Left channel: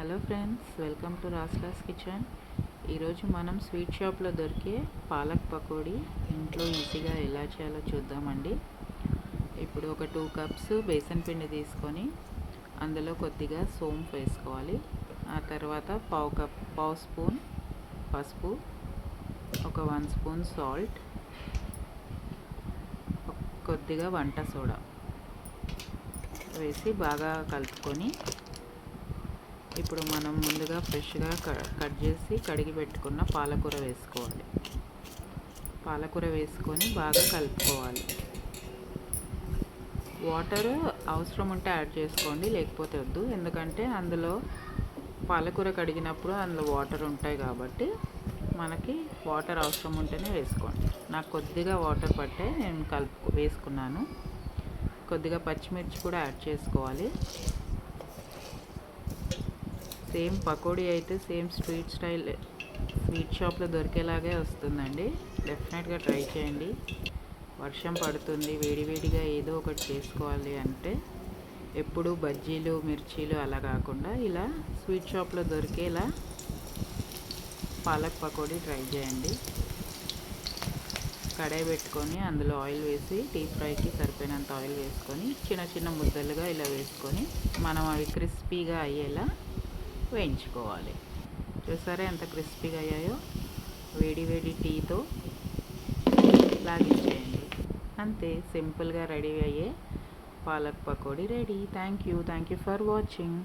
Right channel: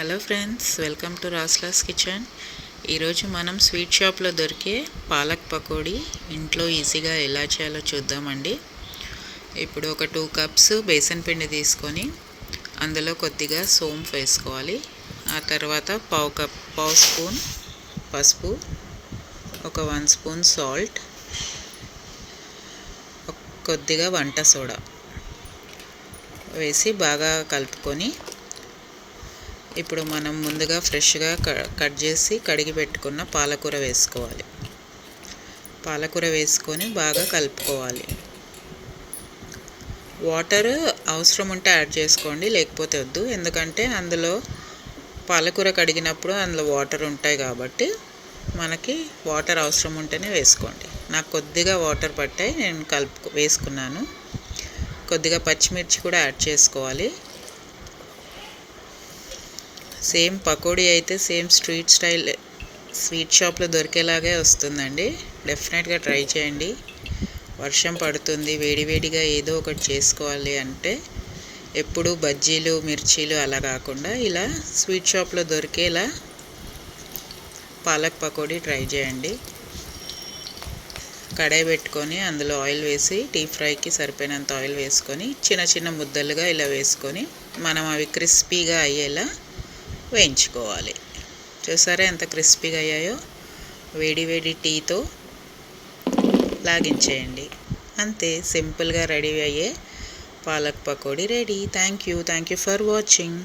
Hello friends, welcome to రాస్లాస్ kitchen. ఈరోజు మనం స్వీట్ షాప్లో దొరికే పాలక్ పకోడీ ఇంట్లో ఈజీగా ఎలా చేయాలో చూద్దామండి. ఇప్పుడు ఒక 2 కప్స్ బేసన్ పిండి తీసుకొని అందులో కొద్దిగా సోంపు వేసుకోవాలి. ఆ తర్వాత పావు స్పూన్ పసుపు, ఒక 1 స్పూన్ సాల్ట్, కొద్దిగా వంట సోడా వేసి బాగా కలుపుకొని ఇప్పుడు మనం ముందుగా ఫ్రెష్గా కట్ చేసి కడిగి పెట్టుకున్న పాలకూర వేసుకోవాలి. పాలకూర వేసుకొని బాగా కలుపుకోవాలి. వాటర్ అవసరం ఉంటే యాడ్ చేసుకోండి, లేకపోతే వద్దు. ఎందుకంటే అందులో పాలకూర కడిగినప్పుడు అందులో వాటర్ ఉంటాయి కాబట్టి మనకి వాటర్ అవసరం ఉంటేనే వేసుకోండి. నాకు కొద్దిగా వాటర్ పట్టాయి, నేను వేసుకున్నాను. కొద్దిగా పచ్చిమిర్చి కూడా యాడ్ చేసుకోవాలి. సేమ్ పకోడీ అయితే సేమ్ స్వీట్ షాప్లో దొరికేలాగే వస్తుందండి. డెఫినెట్గా ట్రై చేయండి. వర్షం పడుతుంది, వేడివేడిగా ఏదో ఒకటి చేసుకోవాలి అంటే ఎప్పుడు బజ్జీలు మిర్చీలు అలా కాకుండా ఇలా స్వీట్ షాప్లో దొరికేలా పాలక్ పకోడీ ట్రై చేయండి. కడాయి పెట్టుకొని అందులో ఆయిల్ వేసి డీప్ ఫ్రైకి సరిపోయినంత ఆయిల్ వేసుకొని చిన్న చిన్న ముద్దలుగా ఇలా వేసుకొని మనం అవి క్రిస్పీగా అయ్యేలా వేయించుకోవాలి. చూసారా ఎంత క్రిస్పీగా అయ్యాయో? వేడి వేడి టీతో లాగించేయండి. అంతే, సింపుల్గా రెడీ అయ్యే palak pakodi ready. Thank you for watching.